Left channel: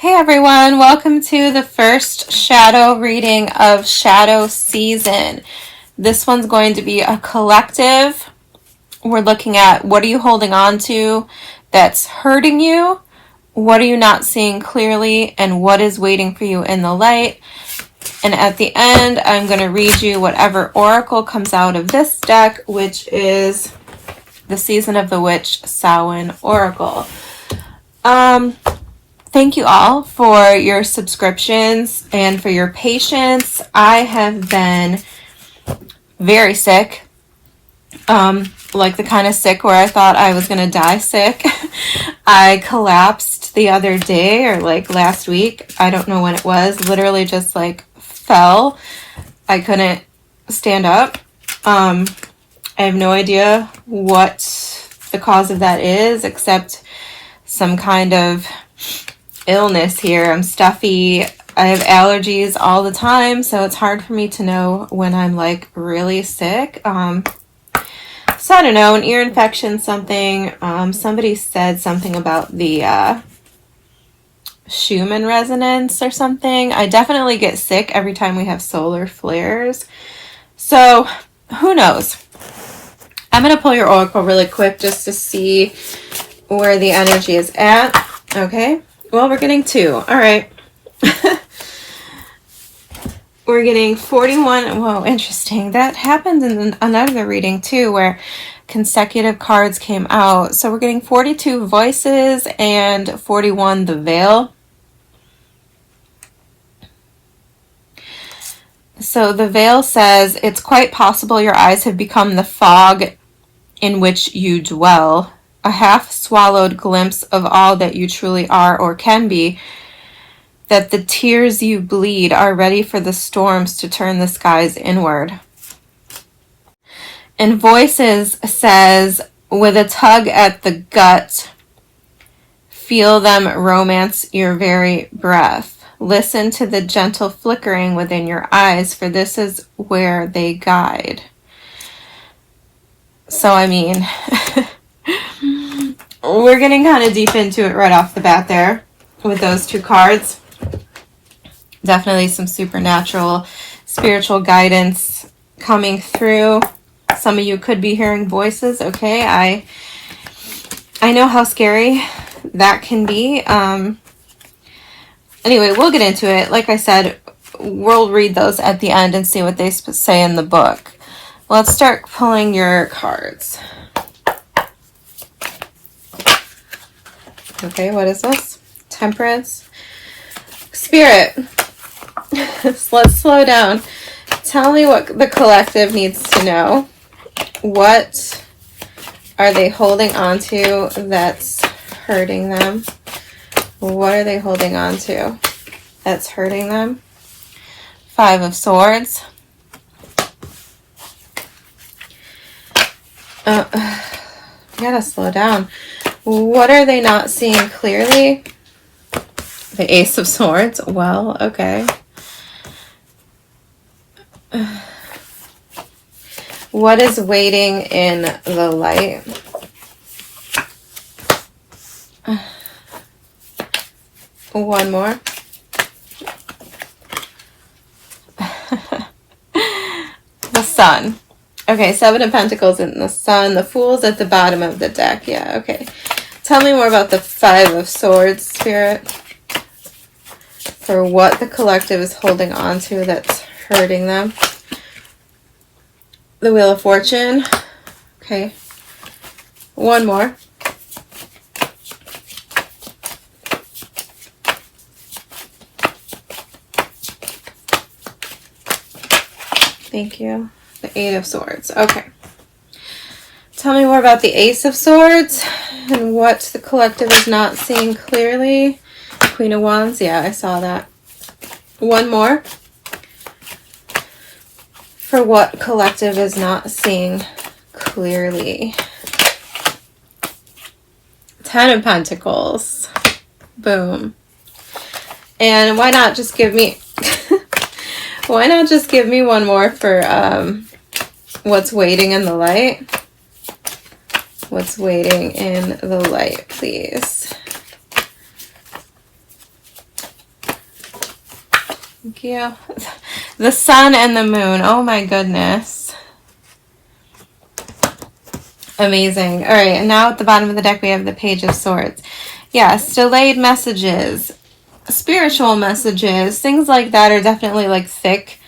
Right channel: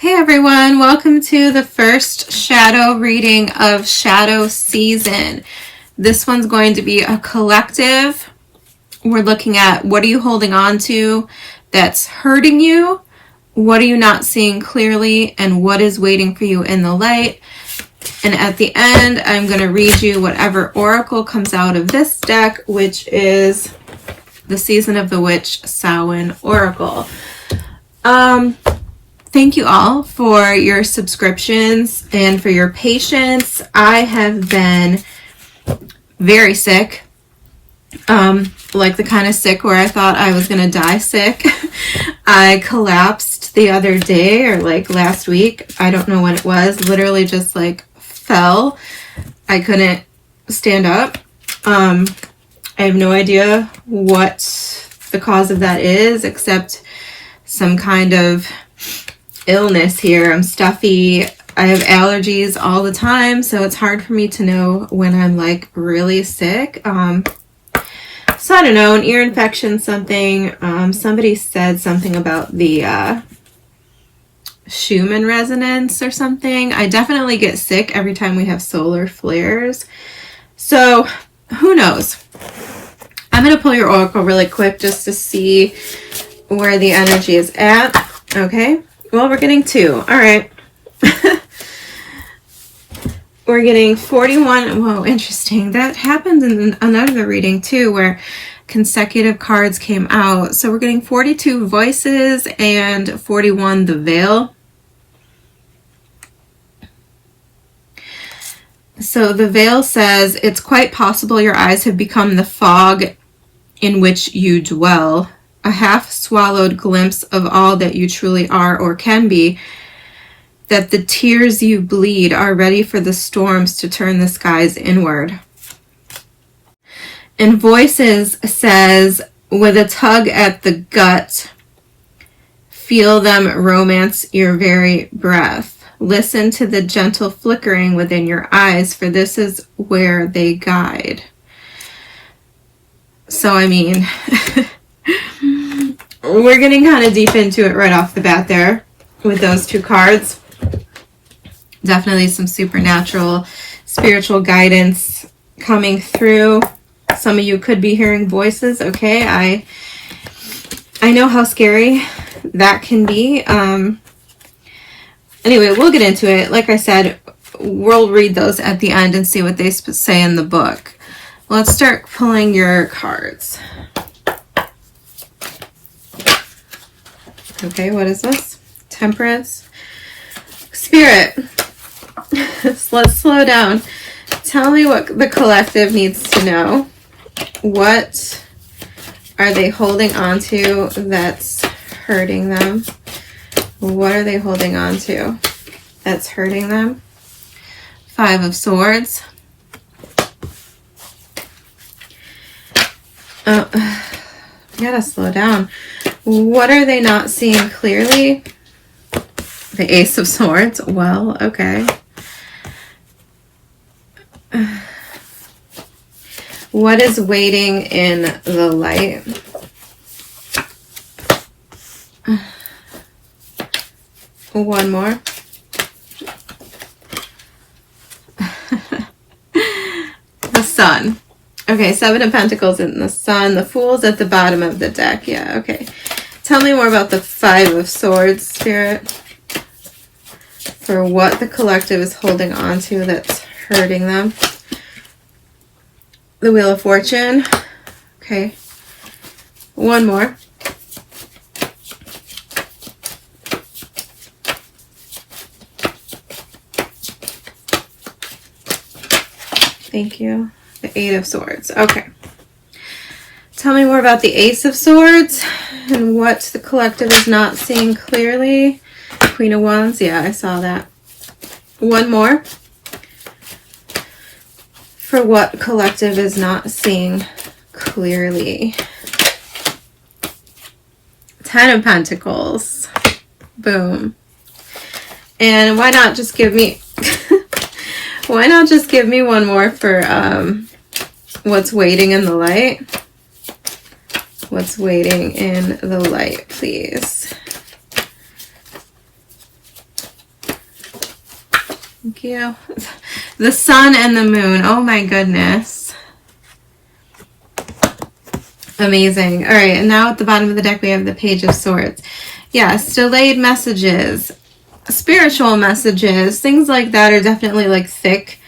Hey everyone, welcome to the first shadow reading of shadow season. This one's going to be a collective. We're looking at what are you holding on to that's hurting you, what are you not seeing clearly, and what is waiting for you in the light. And at the end, I'm going to read you whatever oracle comes out of this deck, which is the Season of the Witch Samhain Oracle. Thank you all for your subscriptions and for your patience. I have been very sick, like the kind of sick where I thought I was going to die sick. I collapsed the other day or like last week. I don't know when it was. Literally just like fell. I couldn't stand up. I have no idea what the cause of that is, except some kind of illness here. I'm stuffy. I have allergies all the time, so it's hard for me to know when I'm like really sick. So I don't know, an ear infection, something. Somebody said something about the Schumann resonance or something. I definitely get sick every time we have solar flares. So who knows? I'm going to pull your oracle really quick just to see where the energy is at. Okay. Well, we're getting 2. All right. We're getting 41. Whoa, interesting. That happened in another reading too, where consecutive cards came out. So we're getting 42 voices and 41 the veil. So the veil says, it's quite possible your eyes have become the fog in which you dwell. A half-swallowed glimpse of all that you truly are or can be, that the tears you bleed are ready for the storms to turn the skies inward. And Voices says, with a tug at the gut, feel them romance your very breath. Listen to the gentle flickering within your eyes, for this is where they guide. So, I mean... We're getting kind of deep into it right off the bat there with those 2 cards. Definitely some supernatural, spiritual guidance coming through. Some of you could be hearing voices. Okay, I know how scary that can be. Anyway, we'll get into it. Like I said, we'll read those at the end and see what they say in the book. Let's start pulling your cards. Okay, what is this? Temperance. Spirit. Let's slow down. Tell me what the collective needs to know. What are they holding on to that's hurting them? What are they holding on to that's hurting them? 5 of Swords. Gotta slow down. What are they not seeing clearly? The Ace of Swords. Well, okay. What is waiting in the light? One more. The Sun. Okay, 7 of Pentacles in the Sun. The Fool's at the bottom of the deck. Yeah, okay. Tell me more about the 5 of Swords, Spirit. For what the collective is holding on to that's hurting them. The Wheel of Fortune. Okay. One more. Thank you. The 8 of Swords. Okay. Tell me more about the Ace of Swords and what the collective is not seeing clearly. Queen of Wands. Yeah, I saw that. One more. For what collective is not seeing clearly. 10 of Pentacles. Boom. And why not just give me... why not just give me one more for what's waiting in the light? What's waiting in the light, please? Thank you. The sun and the moon. Oh my goodness. Amazing. All right, and now at the bottom of the deck we have the Page of Swords. Yes, delayed messages, spiritual messages, things like that are definitely like thick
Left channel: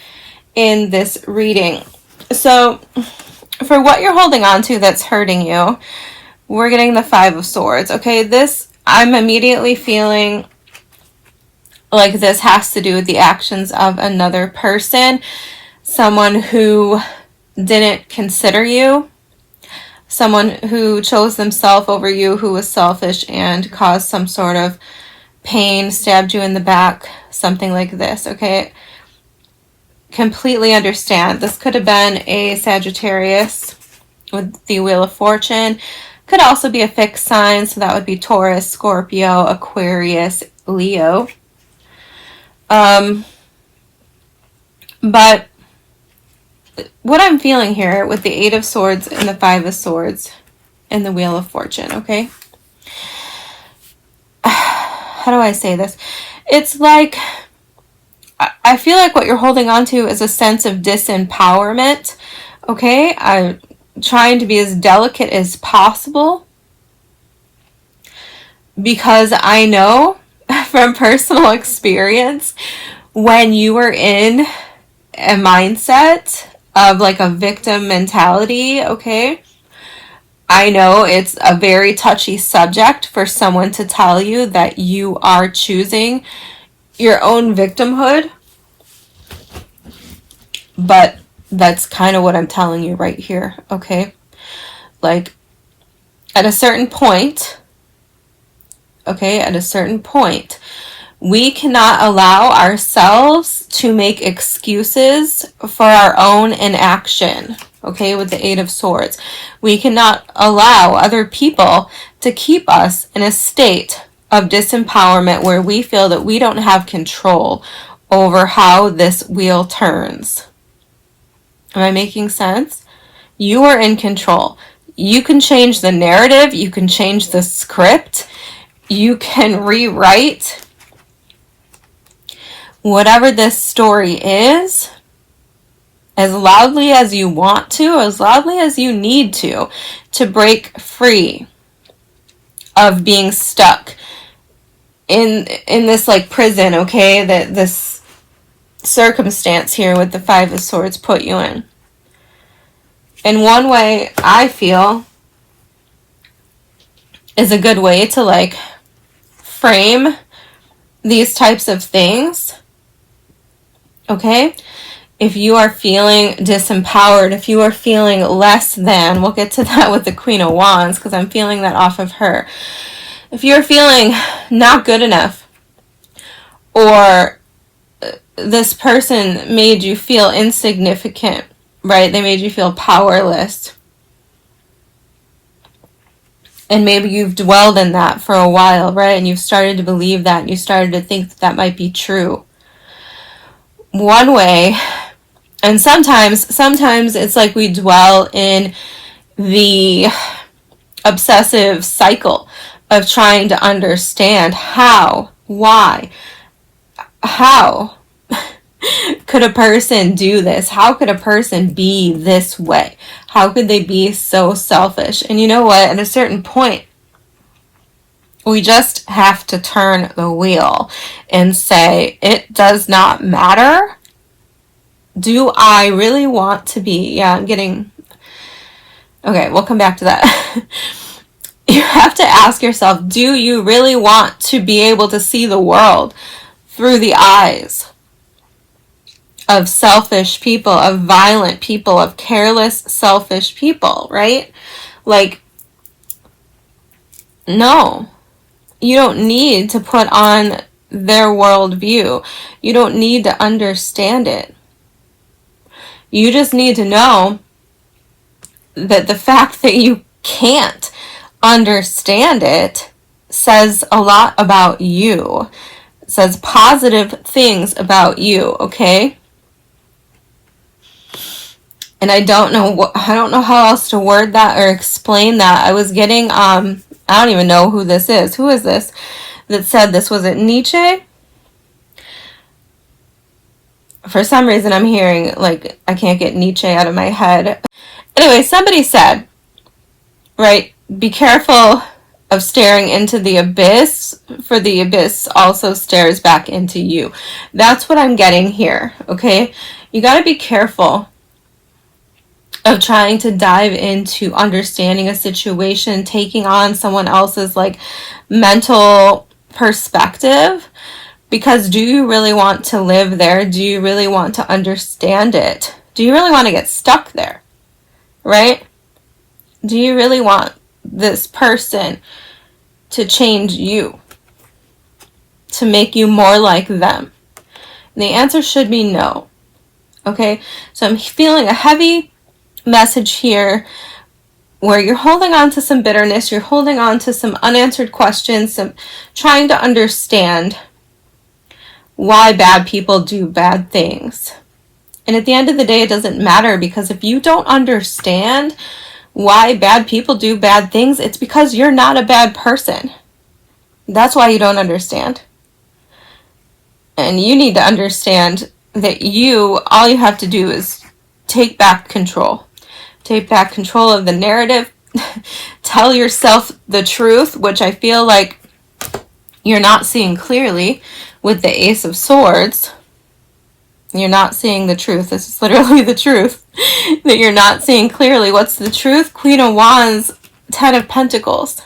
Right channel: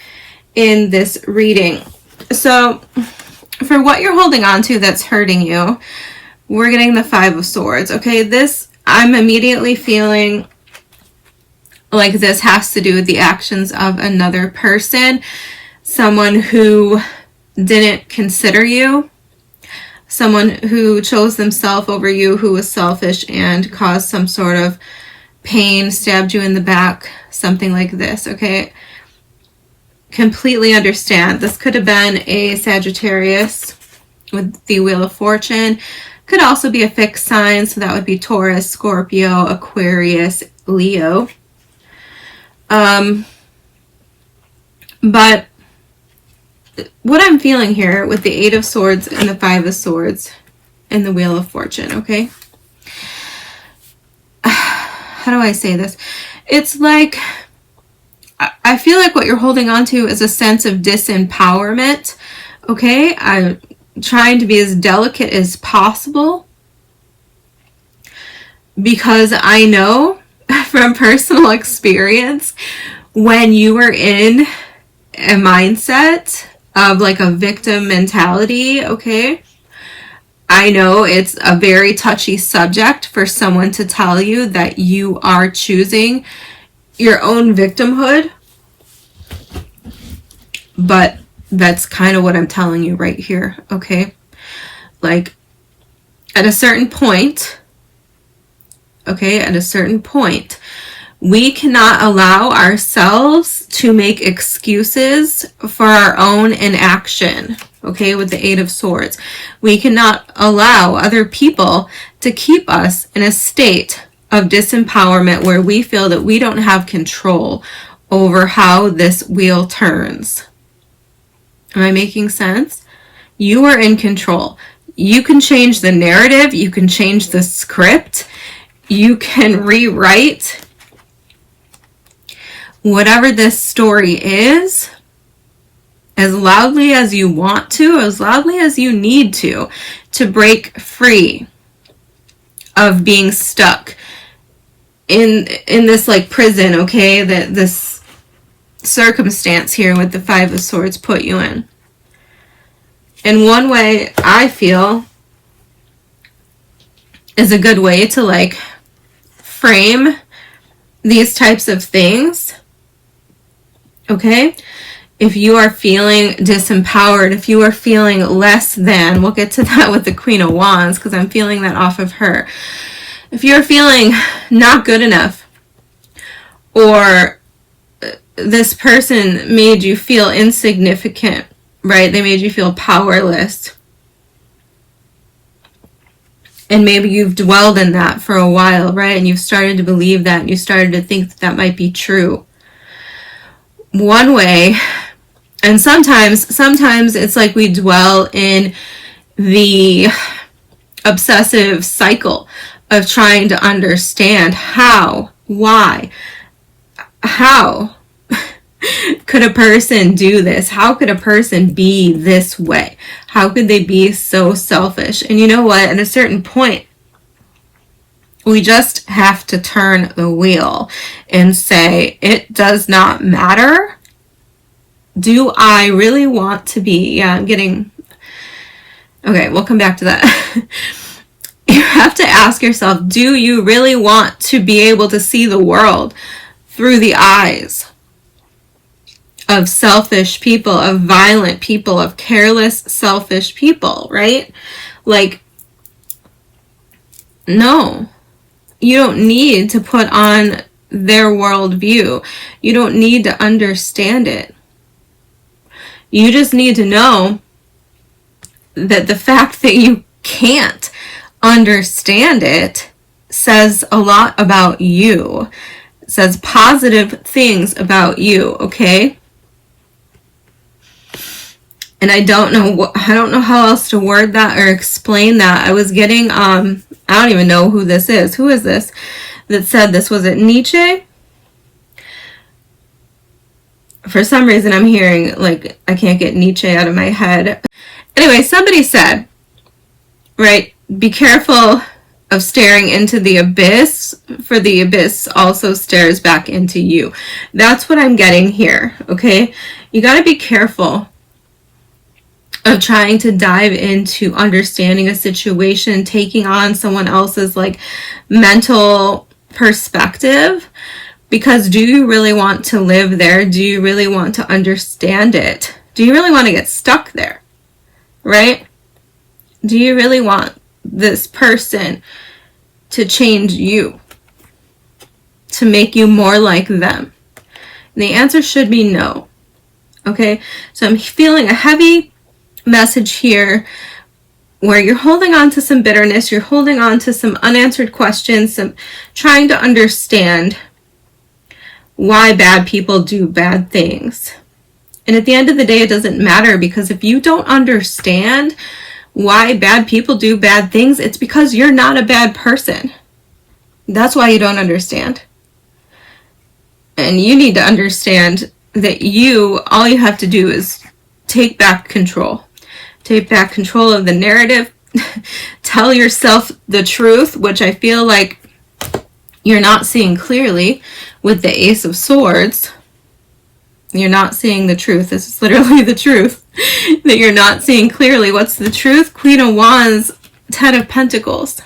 in this reading. So for what you're holding on to that's hurting you, we're getting the Five of Swords. Okay, this, I'm immediately feeling like this has to do with the actions of another person, someone who didn't consider you, someone who chose themselves over you, who was selfish and caused some sort of pain, stabbed you in the back, something like this, okay? Completely understand. This could have been a Sagittarius with the Wheel of Fortune. Could also be a fixed sign, so that would be Taurus, Scorpio, Aquarius, Leo. But what I'm feeling here with the Eight of Swords and the Five of Swords and the Wheel of Fortune, okay? How do I say this? It's like, I feel like what you're holding on to is a sense of disempowerment, okay? I'm trying to be as delicate as possible because I know from personal experience when you were in a mindset of like a victim mentality, okay? I know it's a very touchy subject for someone to tell you that you are choosing your own victimhood, but that's kind of what I'm telling you right here, okay? Like, at a certain point, okay, at a certain point, we cannot allow ourselves to make excuses for our own inaction, okay, with the Eight of Swords. We cannot allow other people to keep us in a state of disempowerment where we feel that we don't have control over how this wheel turns. Am I making sense? You are in control. You can change the narrative. You can change the script. You can rewrite whatever this story is as loudly as you want to, as loudly as you need to break free of being stuck in this like prison, okay, that this circumstance here with the Five of Swords put you in. And one way I feel is a good way to like frame these types of things, okay? If you are feeling disempowered, if you are feeling less than, we'll get to that with the Queen of Wands because I'm feeling that off of her. If you're feeling not good enough, or this person made you feel insignificant, right? They made you feel powerless. And maybe you've dwelled in that for a while, right? And you've started to believe that, and you started to think that that might be true. One way, and sometimes it's like we dwell in the obsessive cycle of trying to understand how, why, how could a person do this? How could a person be this way? How could they be so selfish? And you know what? At a certain point, we just have to turn the wheel and say, it does not matter. Do I really want to be? Yeah, I'm getting... Okay, we'll come back to that. You have to ask yourself, do you really want to be able to see the world through the eyes of selfish people, of violent people, of careless, selfish people, right? Like, no. You don't need to put on their worldview. You don't need to understand it. You just need to know that the fact that you can't understand it says a lot about you. It says positive things about you, okay? And I don't know how else to word that or explain that. I was getting I don't even know who this is. Who is this that said this? Was it Nietzsche? For some reason, I'm hearing, like, I can't get Nietzsche out of my head. Anyway, somebody said, right, be careful of staring into the abyss, for the abyss also stares back into you. That's what I'm getting here, okay? You got to be careful of trying to dive into understanding a situation, taking on someone else's, like, mental perspective, because do you really want to live there? Do you really want to understand it? Do you really want to get stuck there, right? Do you really want this person to change you, to make you more like them? And the answer should be no. Okay, so I'm feeling a heavy message here where you're holding on to some bitterness, you're holding on to some unanswered questions, some trying to understand why bad people do bad things. And at the end of the day, it doesn't matter, because if you don't understand why bad people do bad things, it's because you're not a bad person. That's why you don't understand. And you need to understand that all you have to do is take back control. Take back control of the narrative. Tell yourself the truth, which I feel like you're not seeing clearly with the Ace of Swords. You're not seeing the truth. This is literally the truth that you're not seeing clearly. What's the truth? Queen of Wands, 10 of Pentacles.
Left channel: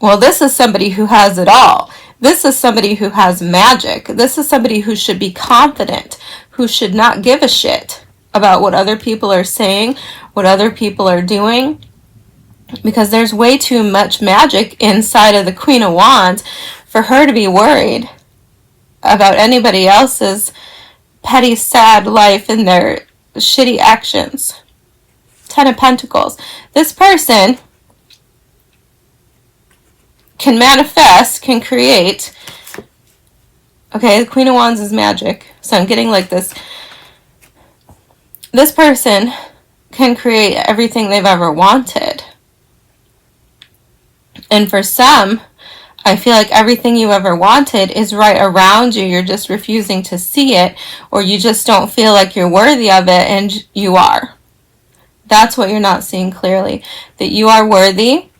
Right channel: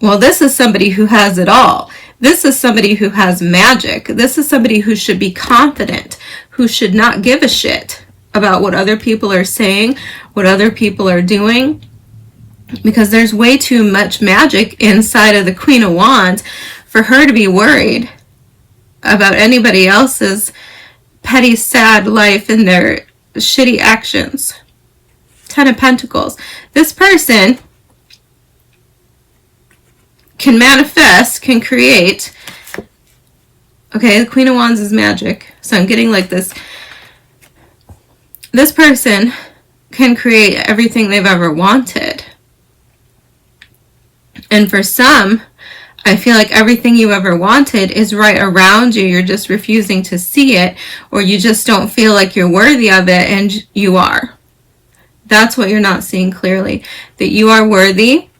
Well, this is somebody who has it all. This is somebody who has magic. This is somebody who should be confident, who should not give a shit about what other people are saying, what other people are doing, because there's way too much magic inside of the Queen of Wands for her to be worried about anybody else's petty, sad life and their shitty actions. 10 of Pentacles. This person can manifest, can create. Okay, the Queen of Wands is magic. So I'm getting like this. This person can create everything they've ever wanted. And for some, I feel like everything you ever wanted is right around you. You're just refusing to see it, or you just don't feel like you're worthy of it, and you are. That's what you're not seeing clearly. That you are worthy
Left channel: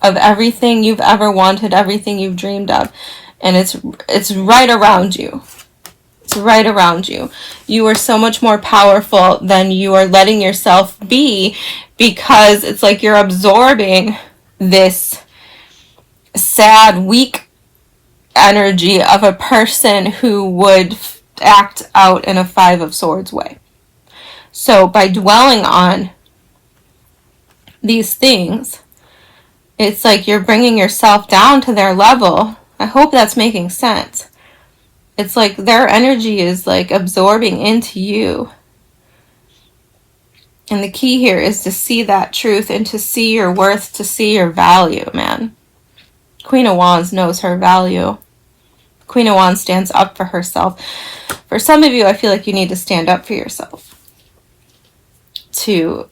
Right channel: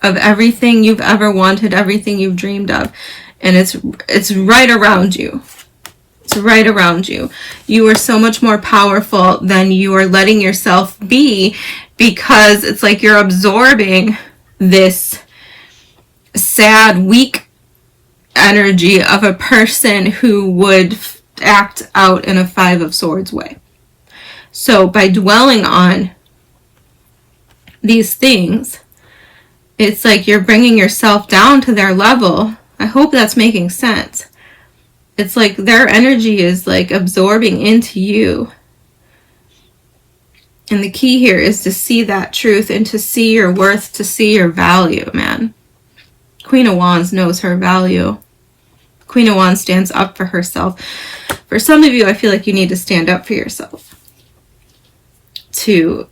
of everything you've ever wanted, everything you've dreamed of. And it's right around you. It's right around you. You are so much more powerful than you are letting yourself be, because it's like you're absorbing this sad, weak energy of a person who would act out in a 5 of Swords way. So by dwelling on these things, it's like you're bringing yourself down to their level. I hope that's making sense. It's like their energy is like absorbing into you. And the key here is to see that truth and to see your worth, to see your value, man. Queen of Wands knows her value. Queen of Wands stands up for herself. For some of you, I feel like you need to stand up for yourself, to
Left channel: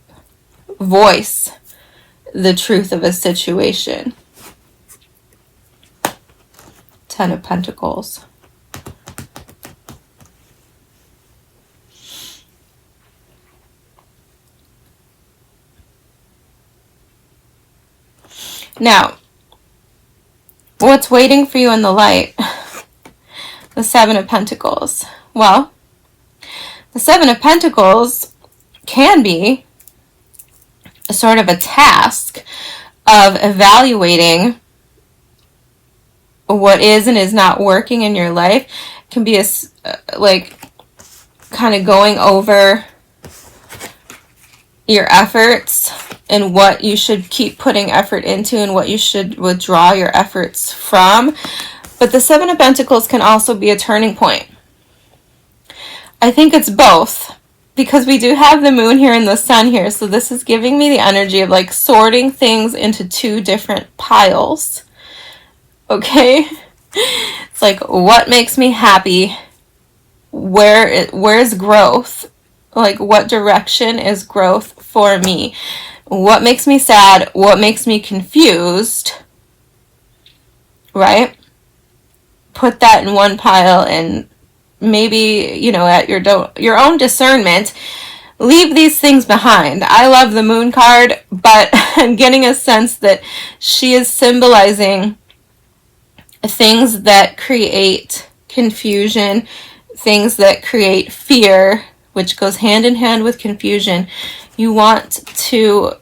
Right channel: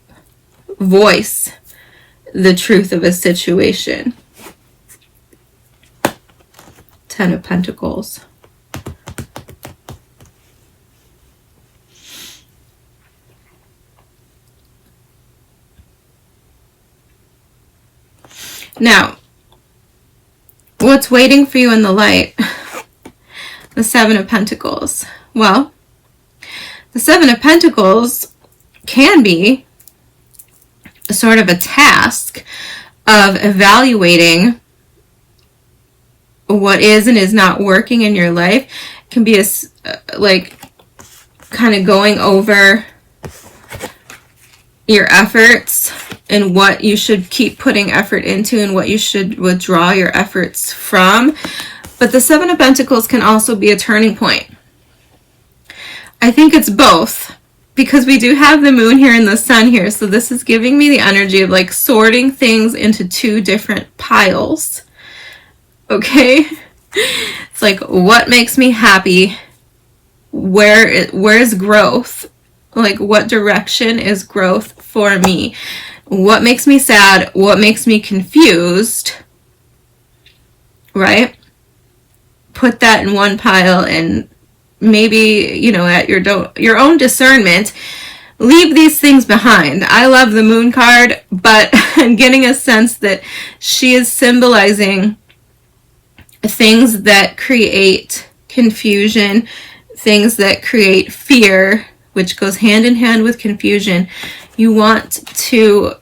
voice the truth of a situation. 10 of Pentacles. Now, what's waiting for you in the light? The 7 of Pentacles. Well, the 7 of Pentacles can be a sort of a task of evaluating what is and is not working in your life. It can be a, like, kind of going over your efforts and what you should keep putting effort into and what you should withdraw your efforts from. But the 7 of Pentacles can also be a turning point. I think it's both, because we do have the moon here and the sun here. So this is giving me the energy of like sorting things into 2 different piles. Okay? It's like, what makes me happy? Where is growth? Like, what direction is growth for me? What makes me sad? What makes me confused? Right? Put that in one pile and maybe, you know, at your own discernment, leave these things behind. I love the moon card, but I'm getting a sense that she is symbolizing things that create confusion, things that create fear, which goes hand in hand with confusion. You want to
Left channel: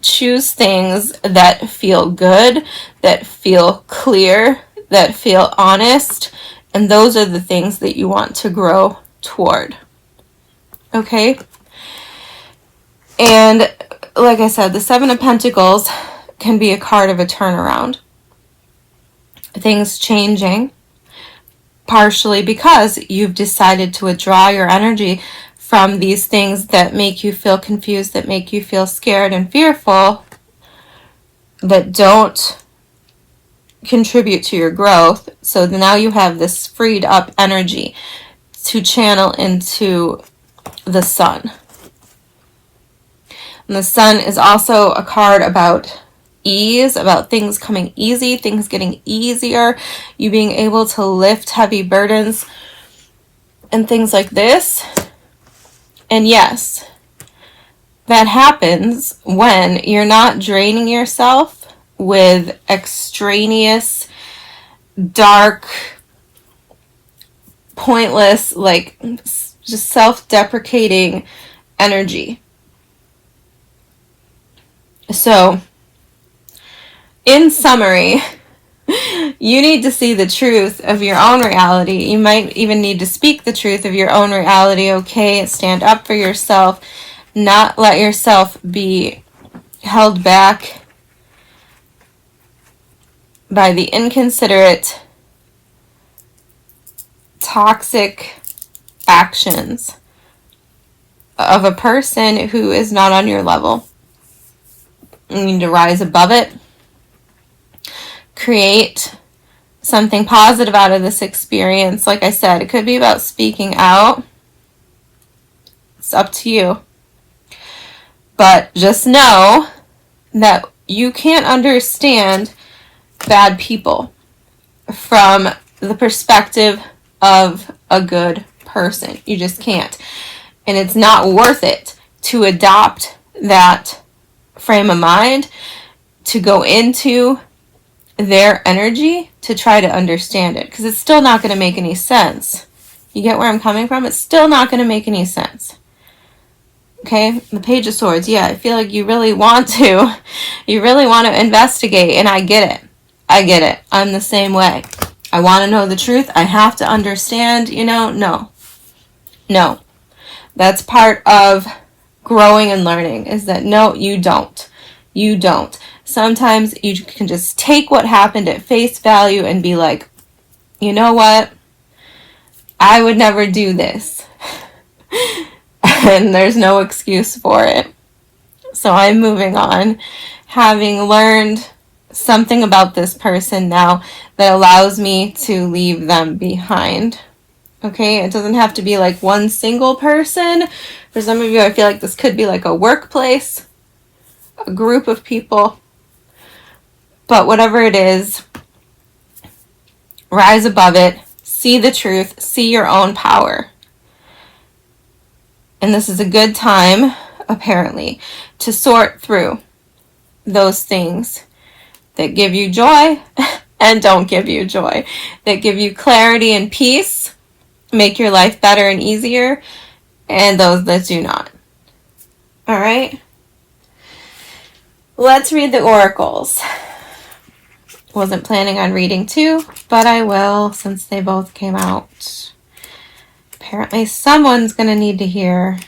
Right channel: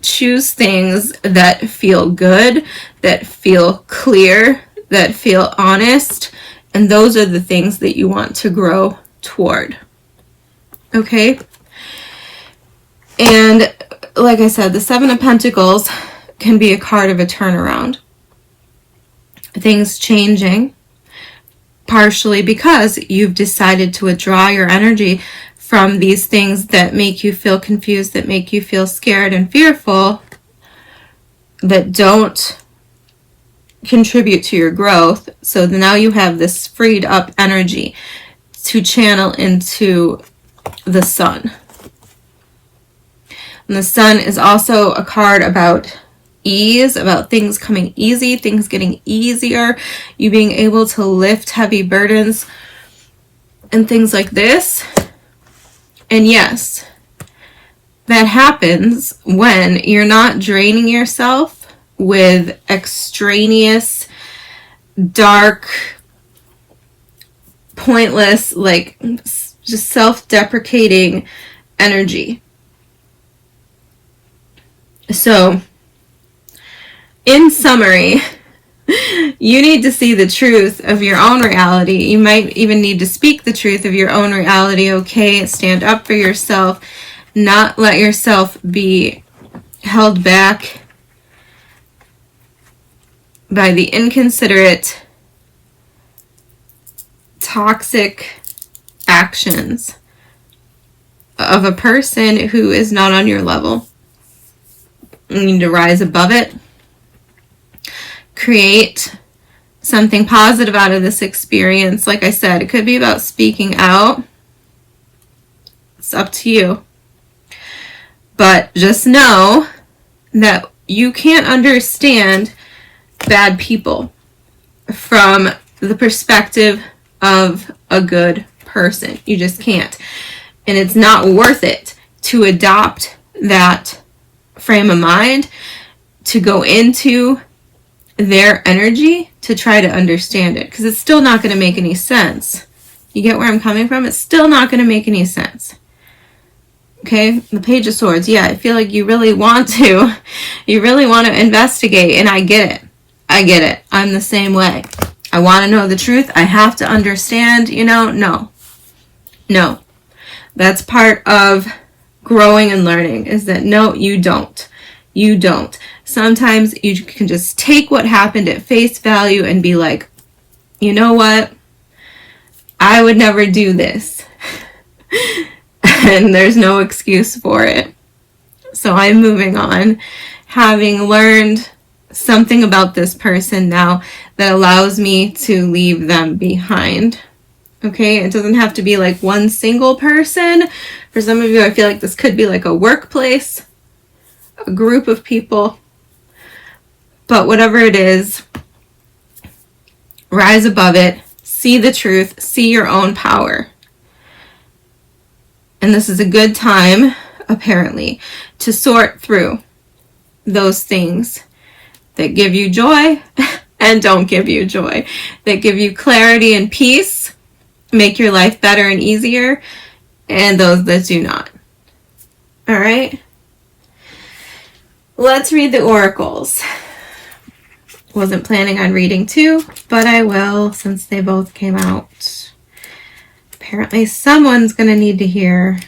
choose things that feel good, that feel clear, that feel honest, and those are the things that you want to grow toward. Okay? And like I said, the Seven of Pentacles can be a card of a turnaround. Things changing, partially because you've decided to withdraw your energy from these things that make you feel confused, that make you feel scared and fearful, that don't contribute to your growth. So now you have this freed up energy to channel into the sun. And the sun is also a card about ease, about things coming easy, things getting easier, you being able to lift heavy burdens and things like this. And yes, that happens when you're not draining yourself with extraneous, dark, pointless, like just self-deprecating energy. So, in summary, you need to see the truth of your own reality. You might even need to speak the truth of your own reality, okay? Stand up for yourself, not let yourself be held back by the inconsiderate, toxic actions of a person who is not on your level. You need to rise above it. Create something positive out of this experience. Like I said, it could be about speaking out. It's up to you. But just know that you can't understand bad people from the perspective of a good person. You just can't. And it's not worth it to adopt that frame of mind, to go into their energy to try to understand it, because it's still not going to make any sense. You get where I'm coming from? It's still not going to make any sense. Okay, the Page of Swords. Yeah, I feel like you really want to investigate, and I get it. I'm the same way. I want to know the truth. I have to understand, no. That's part of growing and learning, is that no, you don't. Sometimes you can just take what happened at face value and be like, you know what? I would never do this. And there's no excuse for it. So I'm moving on, having learned something about this person now that allows me to leave them behind. Okay, it doesn't have to be like one single person. For some of you, I feel like this could be like a workplace, a group of people. But whatever it is, rise above it, see the truth, see your own power. And this is a good time, apparently, to sort through those things that give you joy and don't give you joy, that give you clarity and peace, make your life better and easier, and those that do not. All right? Let's read the oracles. Wasn't planning on reading two, but I will since they both came out. Apparently someone's going to need to hear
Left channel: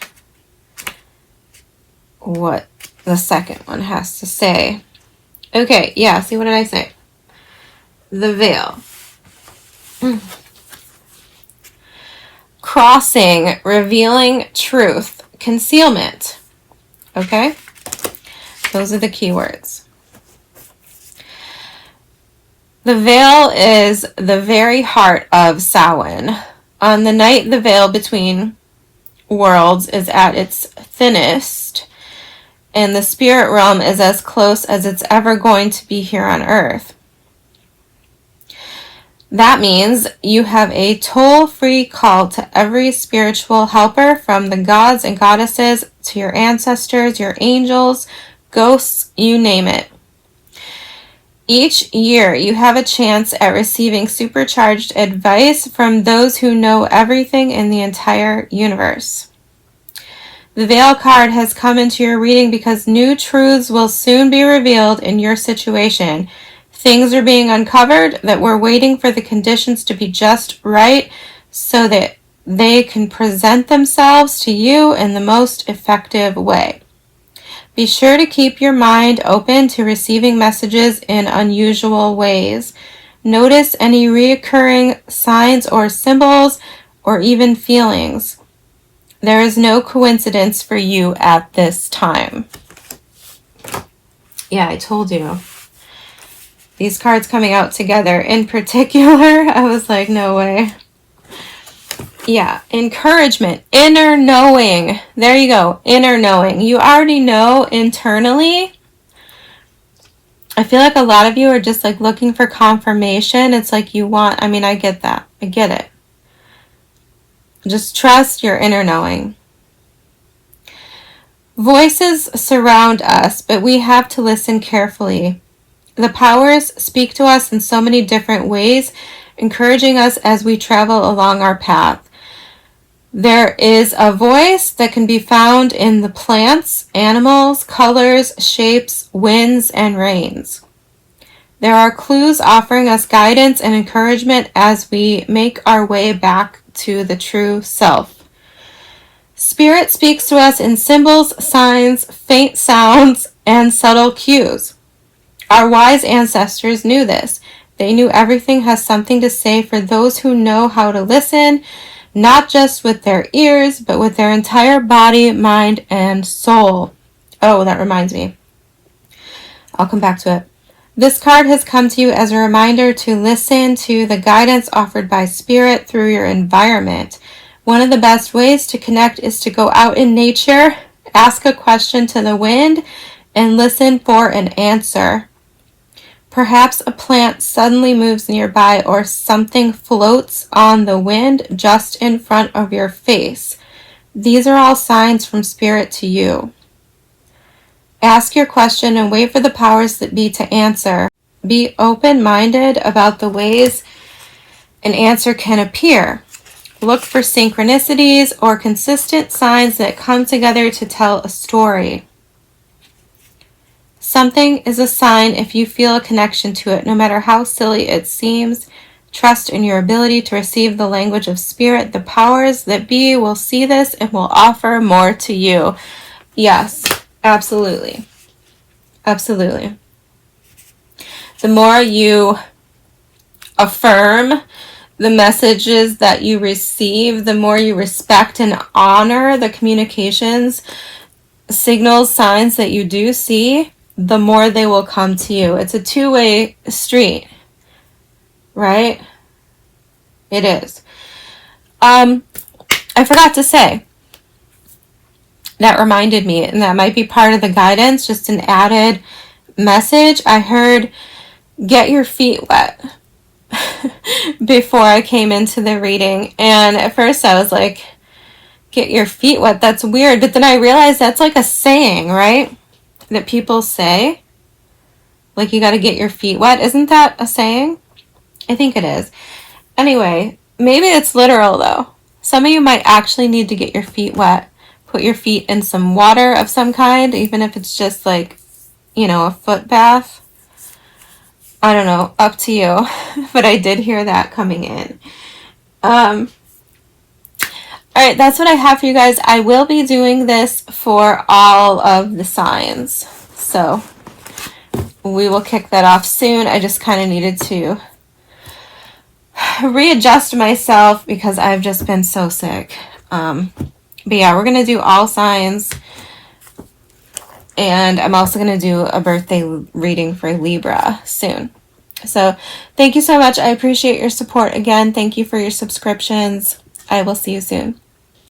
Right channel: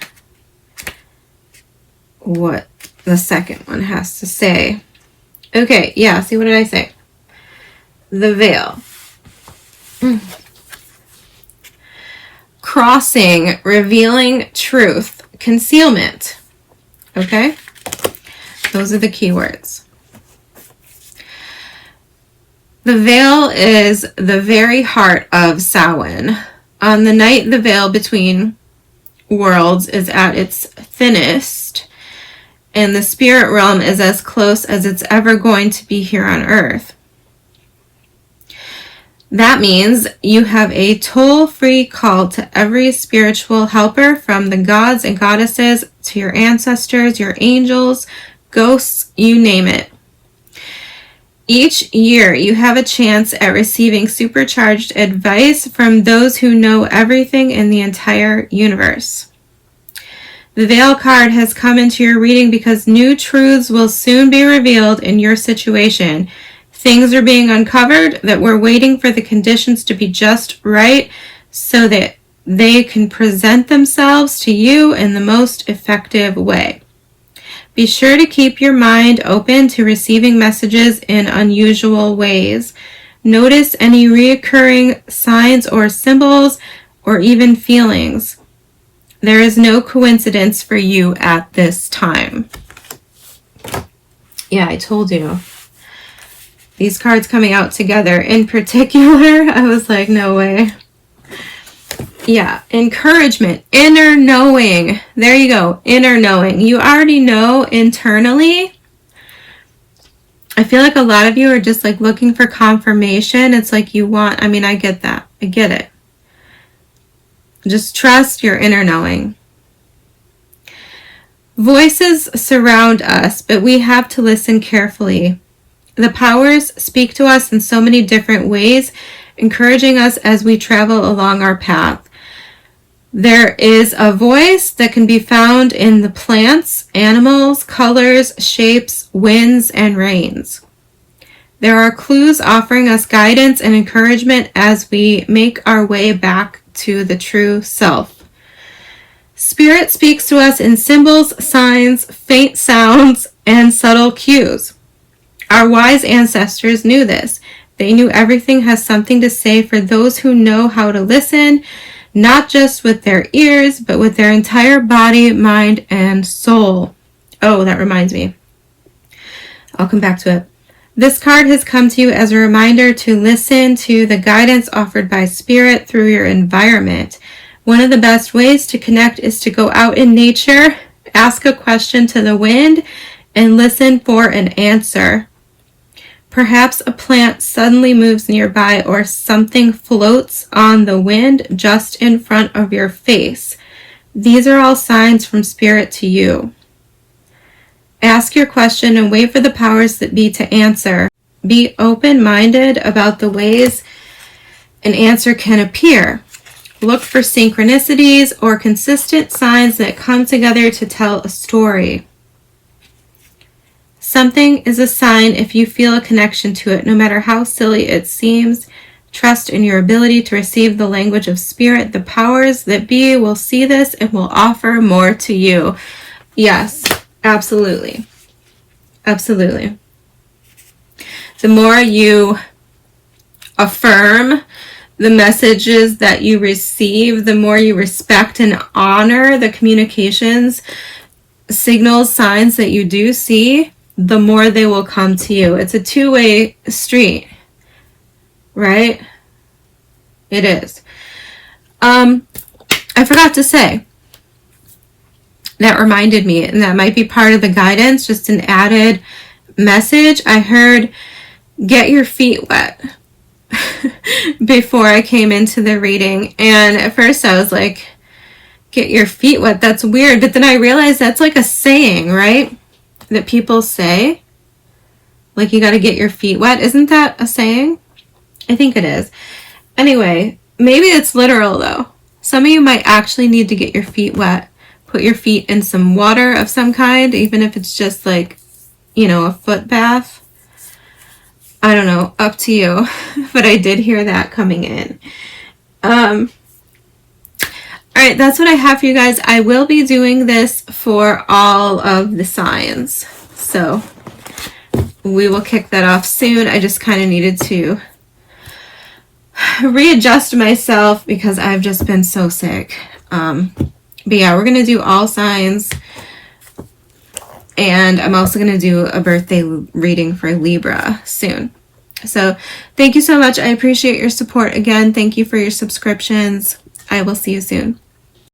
what the second one has to say. Okay, yeah, see, what did I say? The veil. Crossing, revealing truth, concealment. Okay? Those are the keywords. The veil is the very heart of Samhain. On the night the veil between worlds is at its thinnest, and the spirit realm is as close as it's ever going to be here on Earth. That means you have a toll-free call to every spiritual helper, from the gods and goddesses to your ancestors, your angels, ghosts, you name it. Each year, you have a chance at receiving supercharged advice from those who know everything in the entire universe. The Veil card has come into your reading because new truths will soon be revealed in your situation. Things are being uncovered that we're waiting for the conditions to be just right so that they can present themselves to you in the most effective way. Be sure to keep your mind open to receiving messages in unusual ways. Notice any recurring signs or symbols or even feelings. There is no coincidence for you at this time. Yeah, I told you. These cards coming out together in particular, I was like, no way. Yeah, encouragement, inner knowing. There you go, inner knowing. You already know internally. I feel like a lot of you are just like looking for confirmation. It's like you want, I mean, I get that. I get it. Just trust your inner knowing. Voices surround us, but we have to listen carefully. The powers speak to us in so many different ways, encouraging us as we travel along our path. There is a voice that can be found in the plants, animals, colors, shapes, winds, and rains. There are clues offering us guidance and encouragement as we make our way back to the true self. Spirit speaks to us in symbols, signs, faint sounds, and subtle cues. Our wise ancestors knew this. They knew everything has something to say for those who know how to listen, not just with their ears, but with their entire body, mind, and soul. Oh, that reminds me. I'll come back to it. This card has come to you as a reminder to listen to the guidance offered by Spirit through your environment. One of the best ways to connect is to go out in nature, ask a question to the wind, and listen for an answer. Perhaps a plant suddenly moves nearby or something floats on the wind just in front of your face. These are all signs from Spirit to you. Ask your question and wait for the powers that be to answer. Be open-minded about the ways an answer can appear. Look for synchronicities or consistent signs that come together to tell a story. Something is a sign if you feel a connection to it, no matter how silly it seems. Trust in your ability to receive the language of Spirit. The powers that be will see this and will offer more to you. Yes, absolutely. Absolutely. The more you affirm the messages that you receive, the more you respect and honor the communications, signals, signs that you do see, the more they will come to you. It's a two-way street, right? It is. I forgot to say, that reminded me, and that might be part of the guidance, just an added message. I heard, get your feet wet before I came into the reading. And at first I was like, get your feet wet, that's weird. But then I realized that's like a saying, right? That people say, like, you got to get your feet wet. Isn't that a saying? I think it is. Anyway, maybe it's literal though. Some of you might actually need to get your feet wet. Put your feet in some water of some kind, even if it's just like, you know, a foot bath. I don't know, up to you. But I did hear that coming in. All right, that's what I have for you guys. I will be doing this for all of the signs. So we will kick that off soon. I just kind of needed to readjust myself because I've just been so sick. But yeah, we're going to do all signs. And I'm also going to do a birthday reading for Libra soon. So thank you so much. I appreciate your support. Again, thank you for your subscriptions. I will see you soon.